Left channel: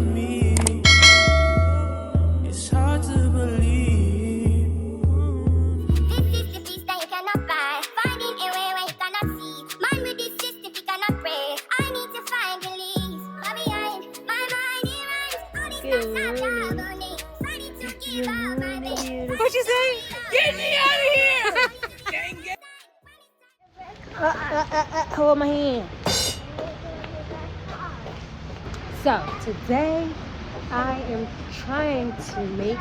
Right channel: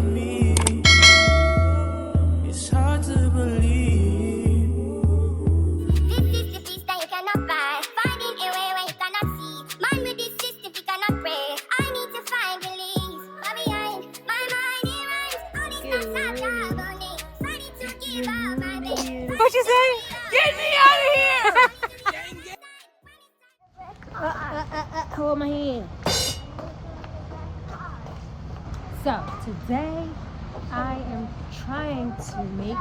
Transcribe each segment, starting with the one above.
love me. It's hard to believe. This is the beast that you cannot buy. Finding a way where you cannot see. Man with this system, you cannot pray. I need to find release. But behind my mind, it runs. All these thoughts are trouble. Ready to give up my baby. What you say? Get me out of here! Hold my hand. So today I am trying to make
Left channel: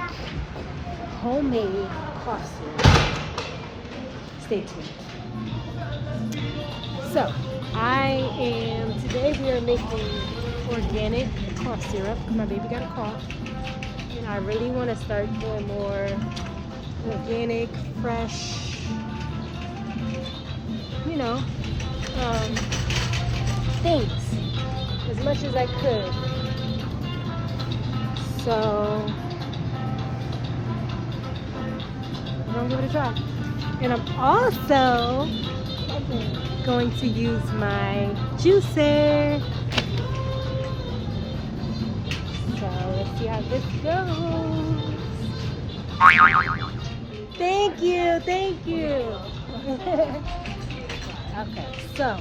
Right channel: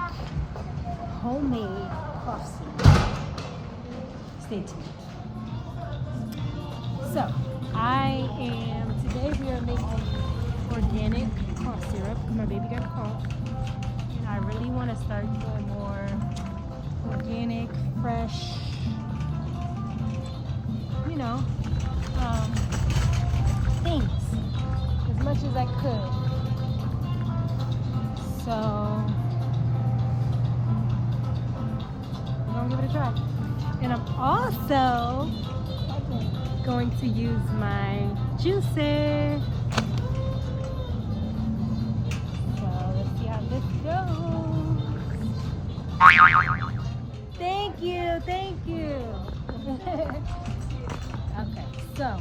homemade coffee. Stay tuned. So today we are making organic cough syrup. My baby got a cough. And I really want to start doing more organic, fresh, things as much as I could. So I'm gonna give it a try. And I'm also going to use my juicer. So let's see how this goes. Thank you, thank you. Okay, so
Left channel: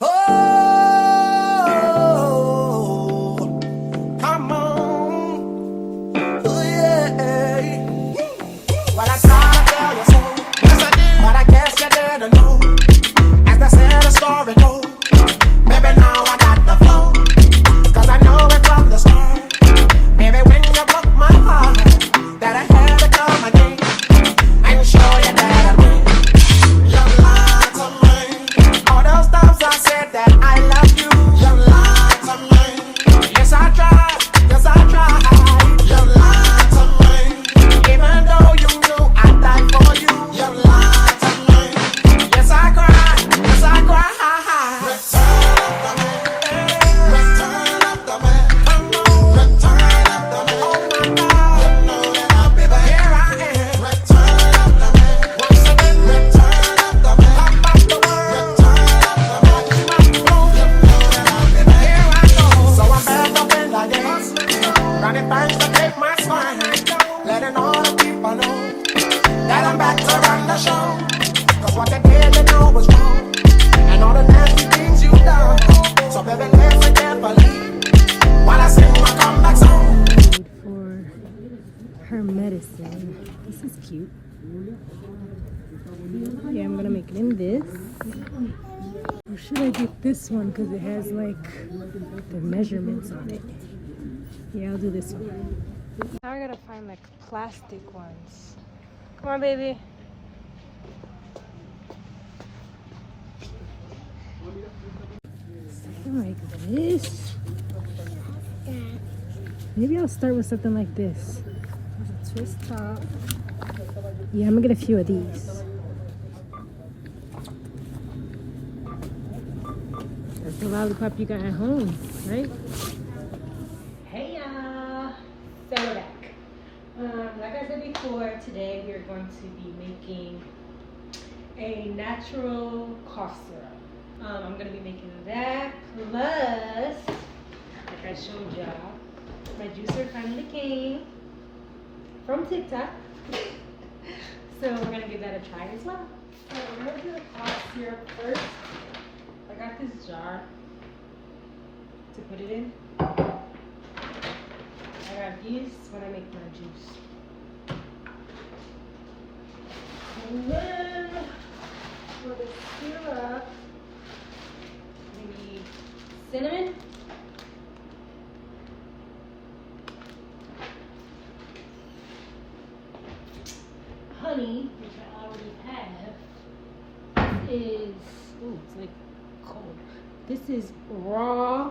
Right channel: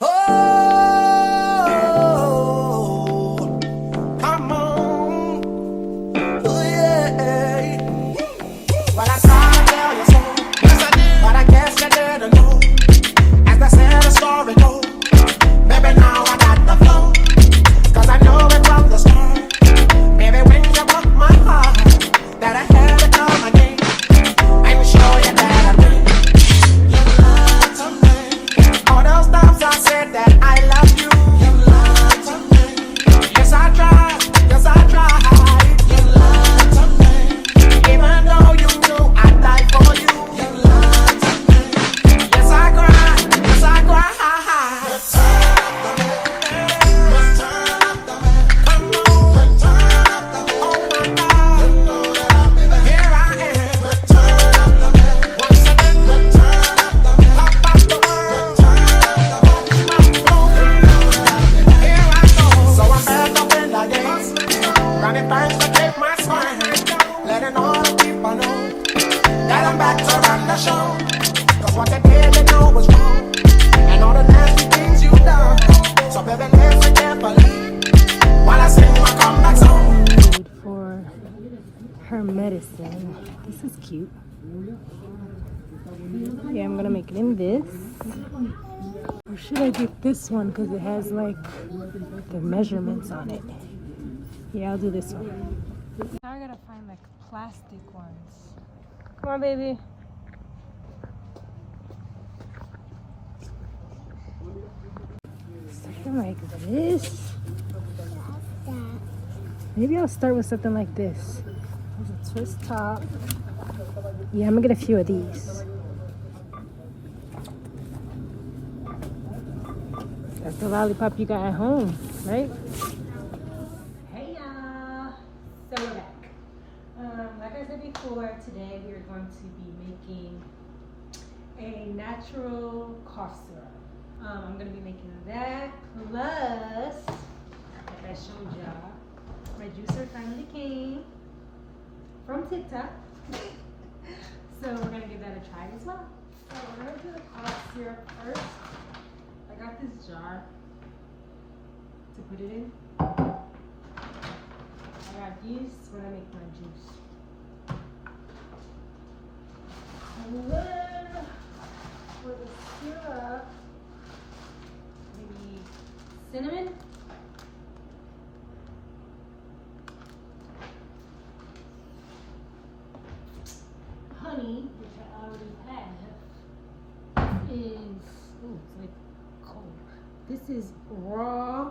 Oh, come on. Oh, yeah. Well, I tried to tell you so. Yes, I did. But I guess you didn't know. As they say the story goes. Maybe now I got the flow. Cause I know it from the start. Maybe when you broke my heart, that I had to come again. I'm sure you that I'd win. You lied to me. All those times I said that I love you. You lied to me. Yes, I tried. Yes, I tried. You lied to me. Even though you knew I'd die for you. You lied to me. Yes, I cried. Yes, I cried. Running thanks to take my spine, letting all the people know that I'm back to run the show. Cause what they didn't know was wrong, and all the nasty things you done. So baby, listen carefully while I sing my comeback song. for her medicine. This is cute. Yeah, I'm gonna make it in this. Or should I get this one because it has like the measurements on it? Yeah, I'll do this one. Now I gotta find like plastic ones. Come on, baby. Something like this. Maybe I'll start with something like this. There's a twist top. Yeah, I'm gonna get a few of these. That's the lollipop you got at home, right? Hey y'all, so we're back. Like I said before, today we are going to be making a natural cough syrup. I'm gonna be making that plus, like I showed y'all, my juicer finally came from TikTok. So we're gonna give that a try as well. So we're gonna do the cough syrup first. I got this jar to put it in. I got these when I make my juice. And then for the syrup, we need cinnamon, honey, which I already have. This is, ooh, it's like cold. This is raw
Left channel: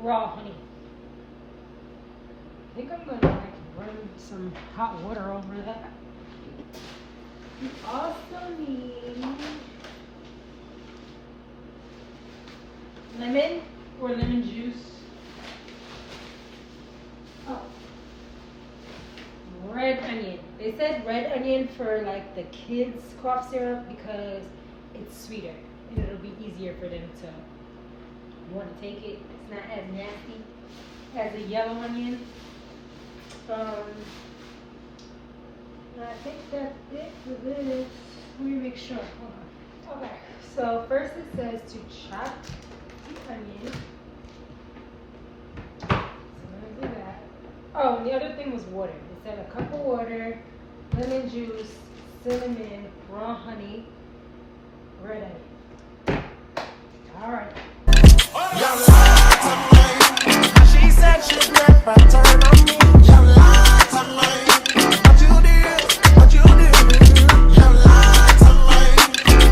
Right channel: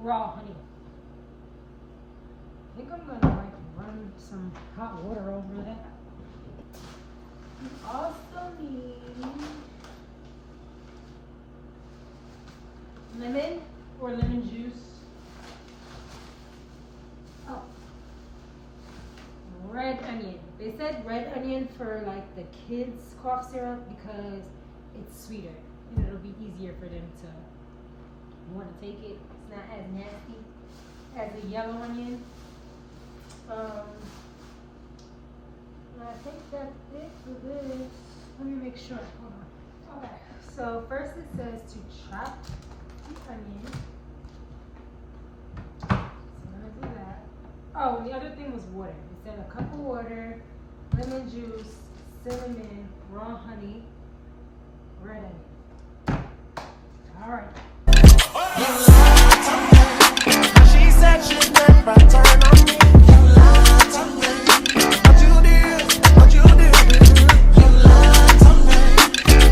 honey. I think I'm gonna like run some hot water over that. We also need lemon or lemon juice. Oh, red onion. They said red onion onion for like the kids' cough syrup because it's sweeter and it'll be easier for them to want to take it. It's not as nasty as a yellow onion. And I think that's it for this. Let me make sure. Hold on. Okay. So first it says to chop the onion. So let me do that. Oh, and the other thing was water. It said a cup of water, lemon juice, cinnamon, raw honey, red onion. All right. She said she'd never turn on me. What you did?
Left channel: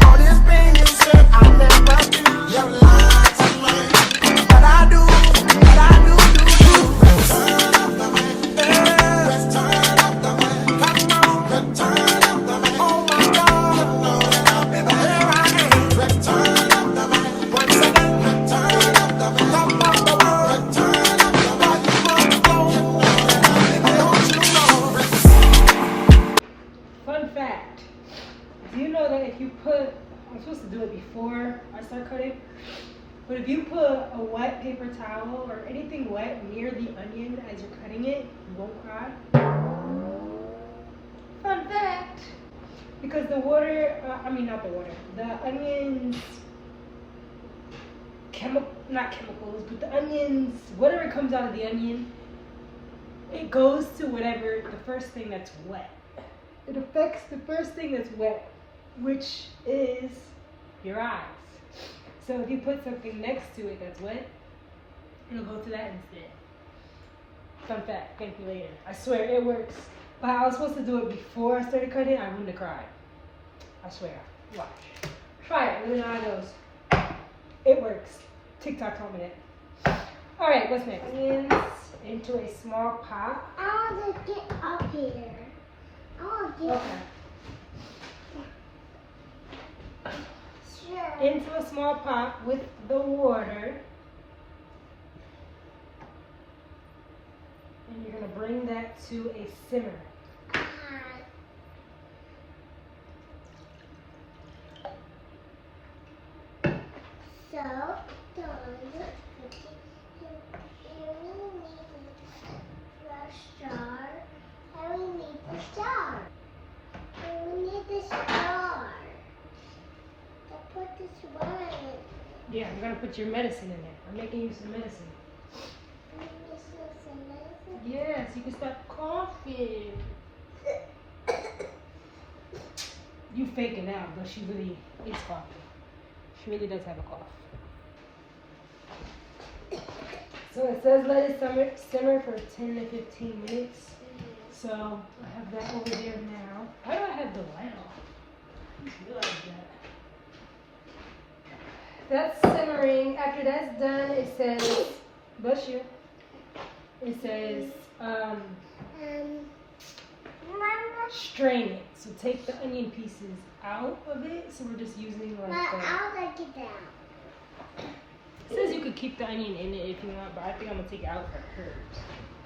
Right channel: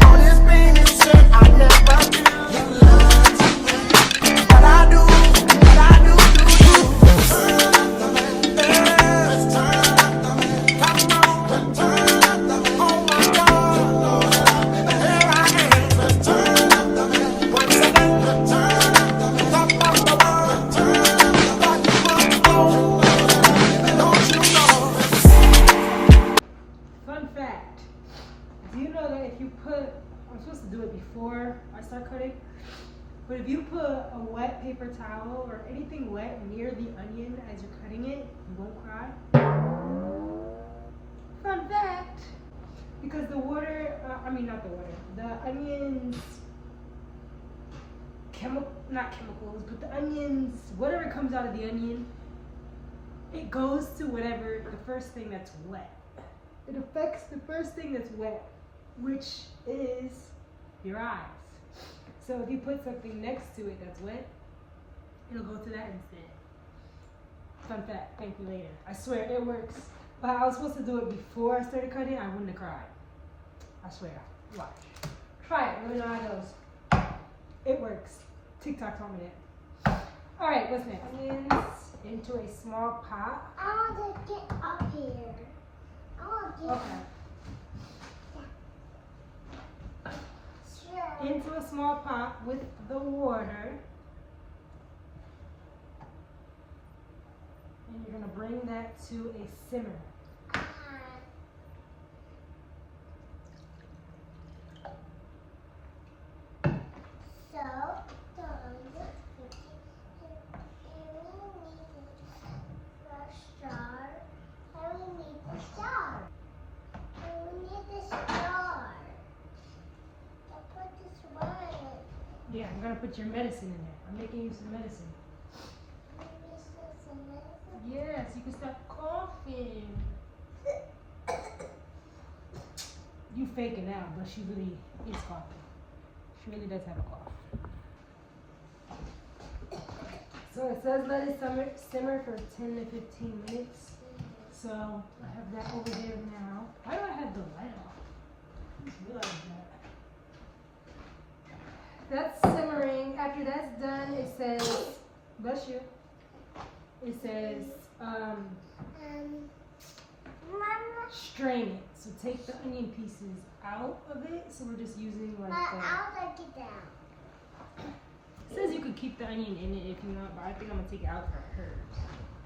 All this pain you said I never do. But I do. I'm supposed to do it before I start cutting, but if you put a wet paper towel or anything wet near the onion as you're cutting it, you won't cry. Fun fact, because the water, the onions, not chemicals, but the onions, whatever comes out of the onion, it goes to whatever, the first thing that's wet. It affects the first thing that's wet, which is your eyes. So if you put something next to it that's wet, it'll go to that instead. Fun fact, thank you later. I swear it works. But I was supposed to do it before I started cutting, I wouldn't have cried. I swear. Watch. Try it, let me know how it goes. It works. TikTok told me that. Alright, what's next? Onions into a small pot. I want to get up here. I want to get Okay. Sure. Into a small pot with the water. And you're going to bring that to a simmer. So, done. We need the star. We need the star. I put this one. Yeah, I'm going to put your medicine in there. I'm making you some medicine. Yes, you can stop coughing. You faking out, but she really is coughing. She really does have a cough. So it says let it simmer for 10 to 15 minutes. So I have that over there now. Why do I have the light on? I just realized that. That's simmering. After that's done, it says, bless you. It says, strain it. So take the onion pieces out of it. So we're just using like I'll take it down. It says you could keep the onion in it if you want, but I think I'm gonna take it out for her.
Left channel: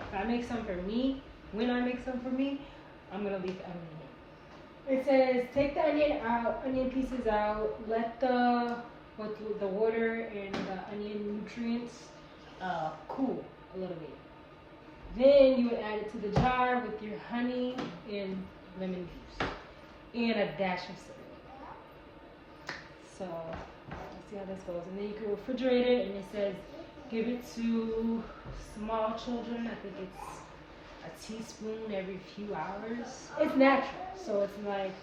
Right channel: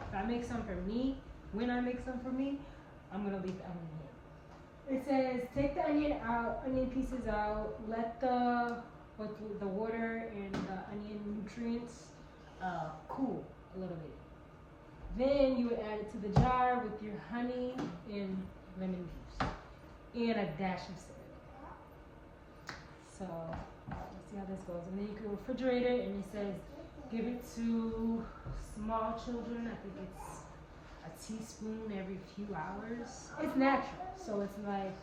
If I make some for me, when I make some for me, I'm gonna leave the onion in. It says take the onion pieces out, let the water and the onion nutrients cool a little bit. Then you would add it to the jar with your honey and lemon juice and a dash of cinnamon. So let's see how this goes. And then you can refrigerate it, and it says give it to small children. I think it's a teaspoon every few hours. It's natural, so it's like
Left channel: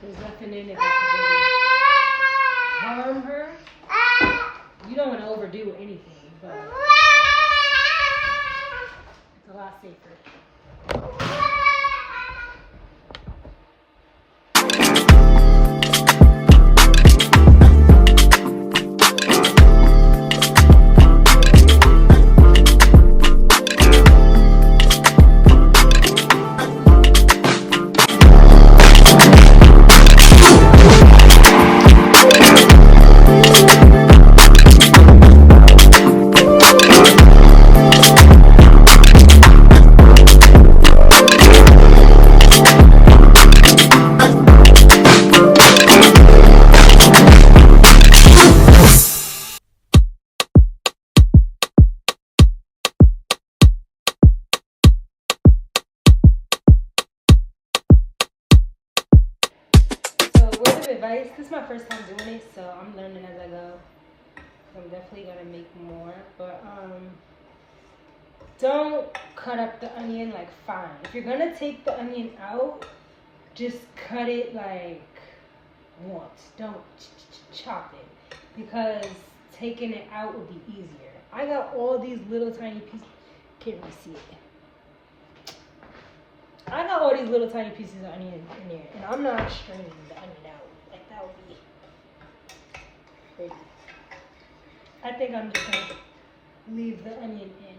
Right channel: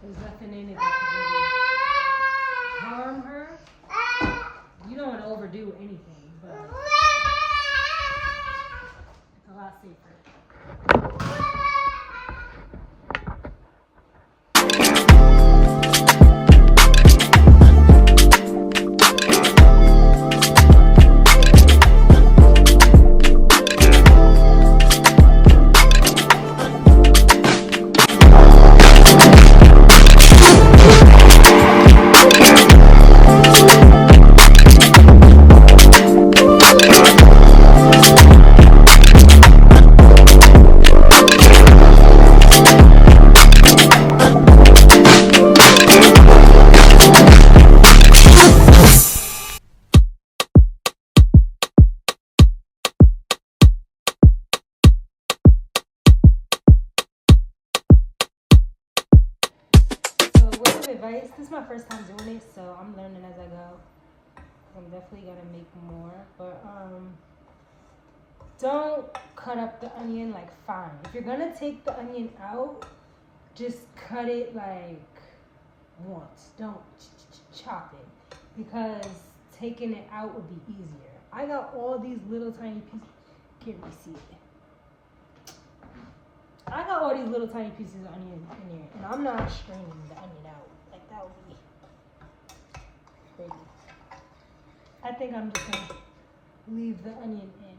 there's nothing in it that can really harm her. You don't want to overdo anything, but it's a lot safer. advice. This is my first time doing it, so I'm learning as I go. I'm definitely gonna make more, but don't cut up the onion like fine. If you're gonna take the onion out, just cut it like once. Don't chop it, because taking it out would be easier. I got all these little tiny pieces. Can't really see it. I got all these little tiny pieces of onion in there, and I'm not straining the onion out. Like, that would be crazy. I think I'm just gonna leave the onion in.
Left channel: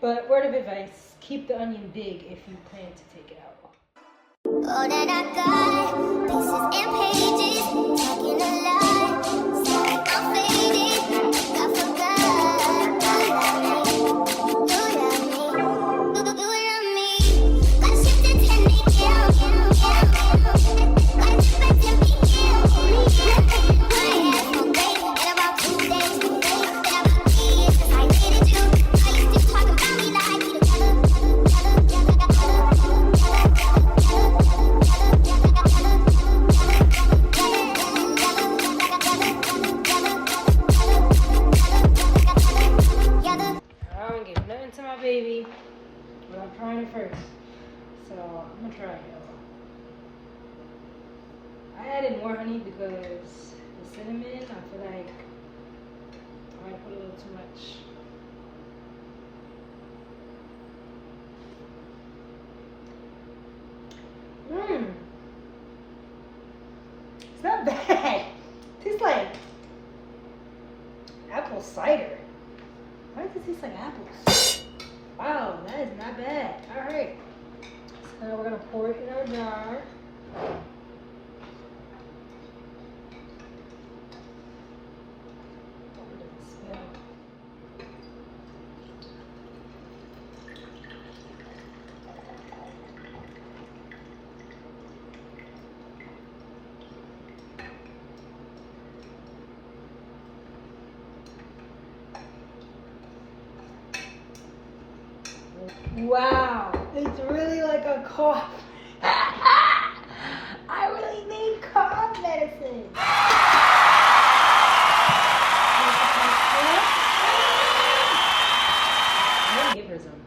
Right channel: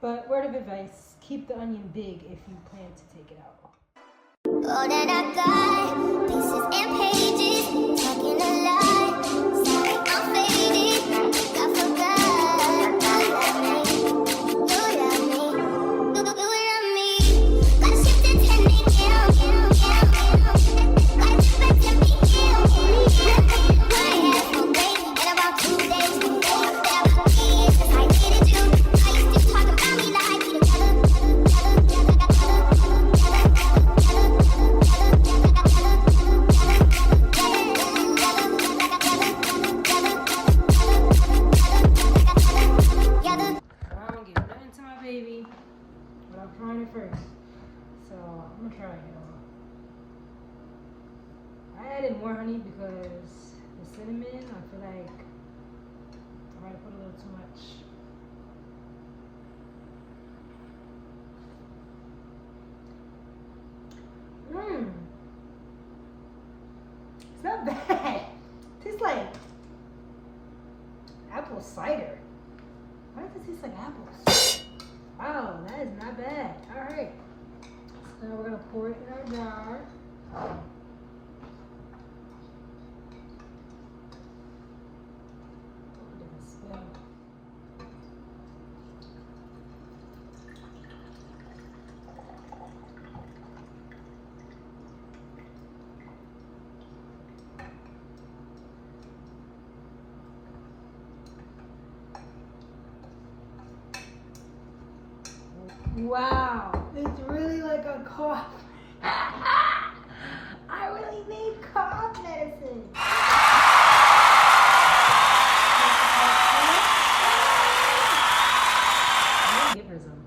But word of advice, keep the onion big if you plan to take it out. All that I got, pieces and pages, talking a lot, sorry I'm faded, I forgot, you love me, you love me, got a shift attending, got a different tempting, I have no break, in about 2 days, in about 3 years, since I needed you, now you still talking about me like we together. I don't give nothing to my baby, but I'm trying it first. So I'm gonna try it, y'all. I added more honey because the cinnamon, I feel like I might put a little too much. It's not bad. It tastes like apple cider. Why does it taste like apples? Wow, that is not bad. Alright. So now we're gonna pour it in our jar. Hope it doesn't spill. Wow, it's really like a cough. I really need cough medicine. I'm gonna give her some.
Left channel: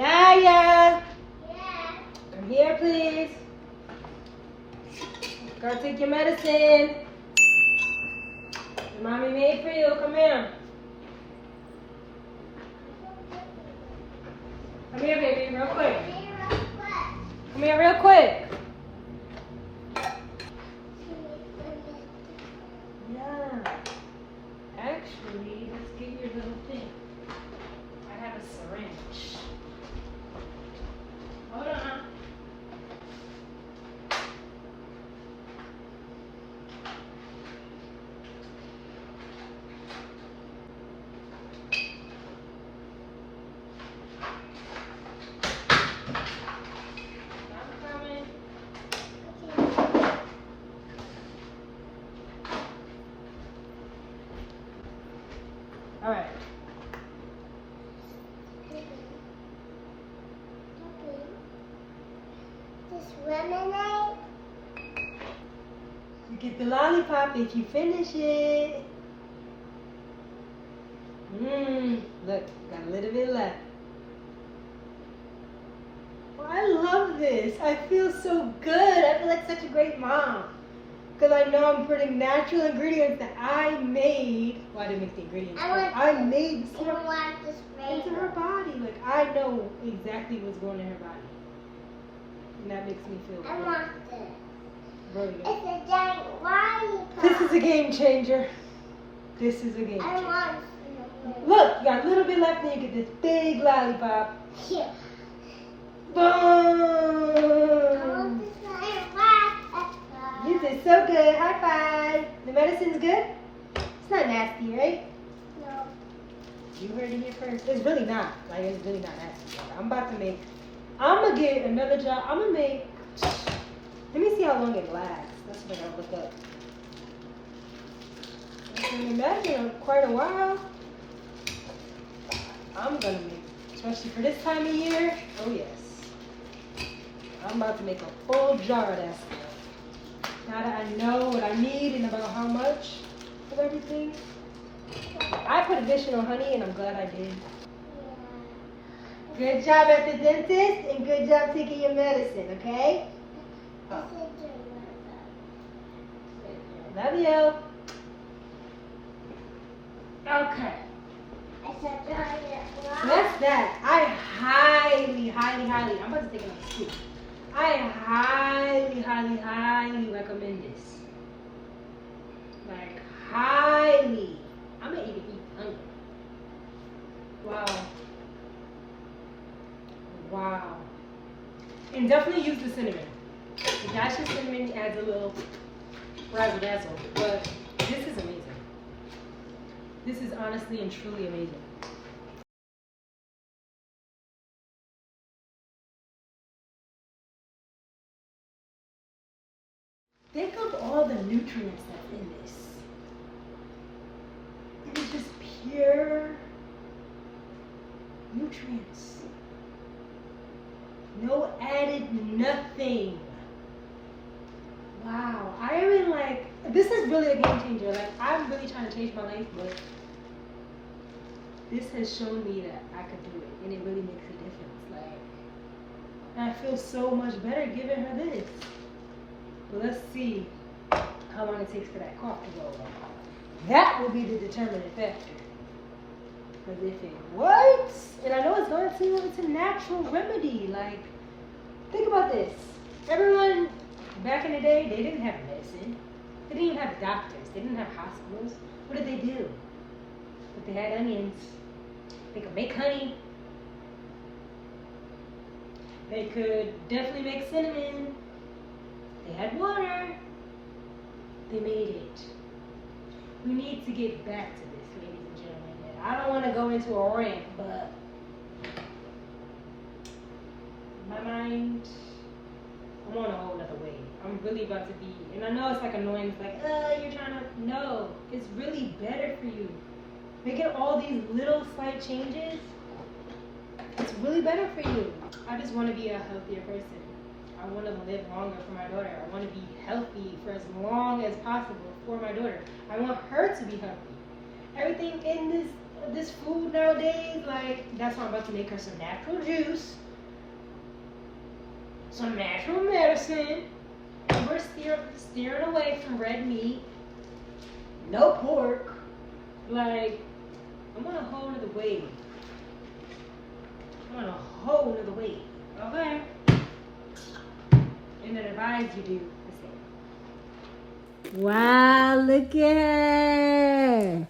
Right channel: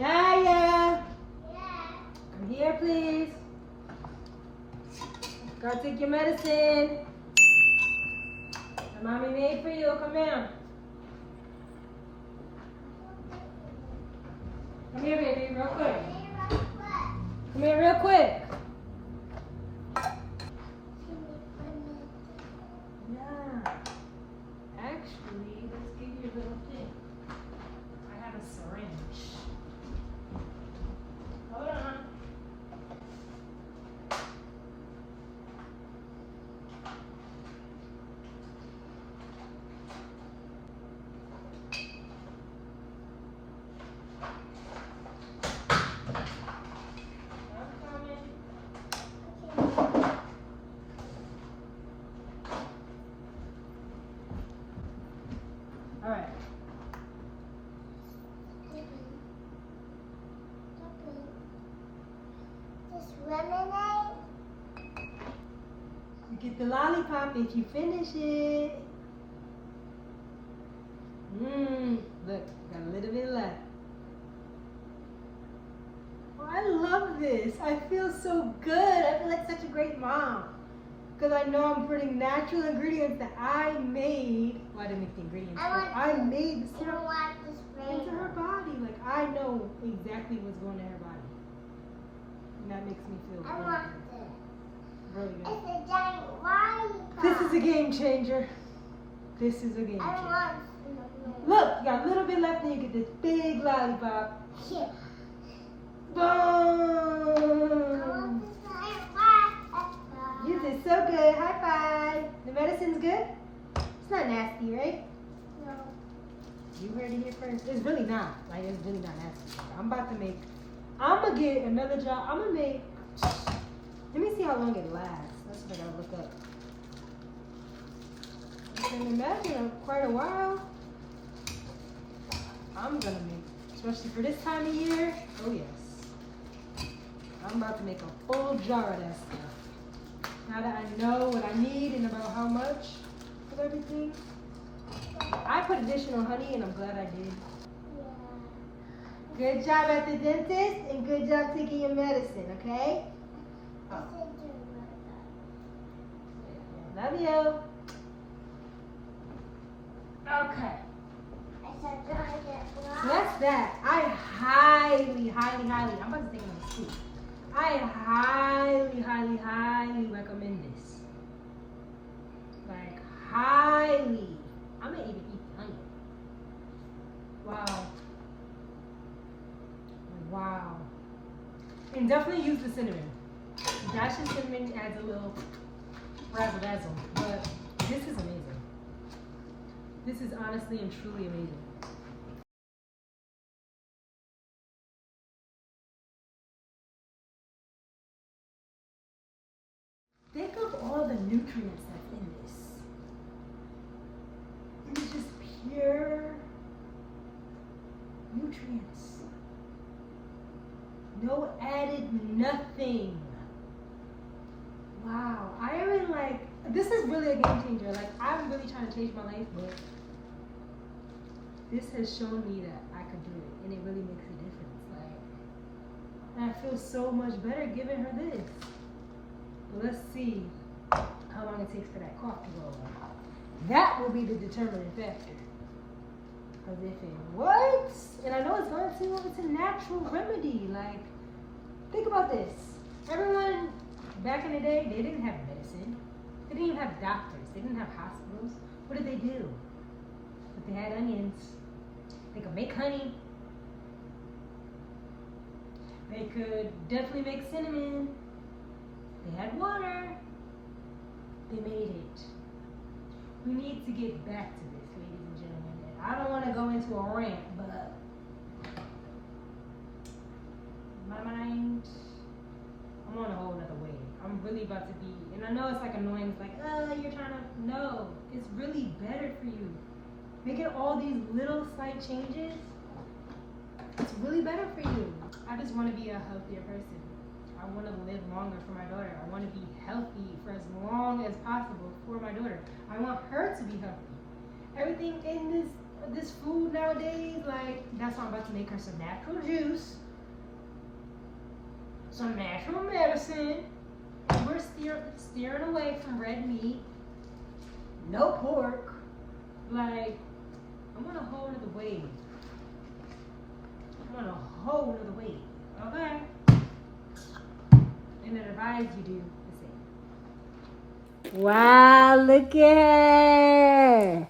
Anaya! Come here, please. Gotta take your medicine. The mommy made for you. Come here. Come here, baby, real quick. Come here, real quick. Yeah. Actually, let's get your little thing. I have a syringe. Hold on. All right. Just lemonade. You get the lollipop if you finish it. Look, got a little bit left. Oh, I love this. I feel so good. I feel like such a great mom. Because I know I'm putting natural ingredients that I made. Well, I didn't make the ingredients. I made You don't want to spray into her body. Like, I know exactly what's going in her body. And that makes me feel I good. want this. Really good. It's a giant lollipop. This is a game changer. This is a game I changer. want Look, you got a little bit left and you get this big lollipop. Here. Boom! I want this giant lollipop. You did so good. High five. The medicine's good? It's not nasty, right? No. You heard it here first. It's really not. Like, it's really not nasty. I'm going to get another jar. I'm going to make, let me see how long it lasts. That's what I got to look up. I can imagine quite a while. I'm going to make, especially for this time of year. Oh, yes. I'm about to make a full jar of that stuff. Now that I know what I need and about how much of everything. I put additional honey and I'm glad I did. Good job at the dentist and good job taking your medicine, okay? Love you. Okay. So that's that. I highly, I'm about to take another scoop. I highly recommend this. Like, highly. I may even eat the onion. Wow. And definitely use the cinnamon. The dashed cinnamon adds a little razzle dazzle, but this is amazing. This is honestly and truly amazing. Think of all the nutrients that's in this. It is just pure nutrients. No added nothing. Wow. I am in like, this is really a game changer. Like, I'm really trying to change my life, but this has shown me that I could do it, and it really makes a difference. Like, I feel so much better giving her this. But let's see how long it takes for that cough to go away. That will be the determining factor. Because if it works, and I know it's going to, it's a natural remedy. Like, think about this. Everyone back in the day, they didn't have medicine. They didn't even have doctors. They didn't have hospitals. What did they do? But they had onions. They could make honey. They could definitely make cinnamon. They had water. They made it. We need to get back to this, ladies and gentlemen. And I don't want to go into a rant, but my mind, I'm on a whole nother wave. I'm really about to be, and I know it's like annoying. It's like, you're trying to, no. It's really better for you. Making all these little slight changes, it's really better for you. I just want to be a healthier person. I want to live longer for my daughter. I want to be healthy for as long as possible for my daughter. I want her to be healthy. Everything in this food nowadays, like, that's why I'm about to make her some natural juice, some natural medicine, and we're steering away from red meat, no pork. Like, I'm on a whole nother wave. I'm on a whole nother wave. Okay? And I advise you do the same. Wow, look at her.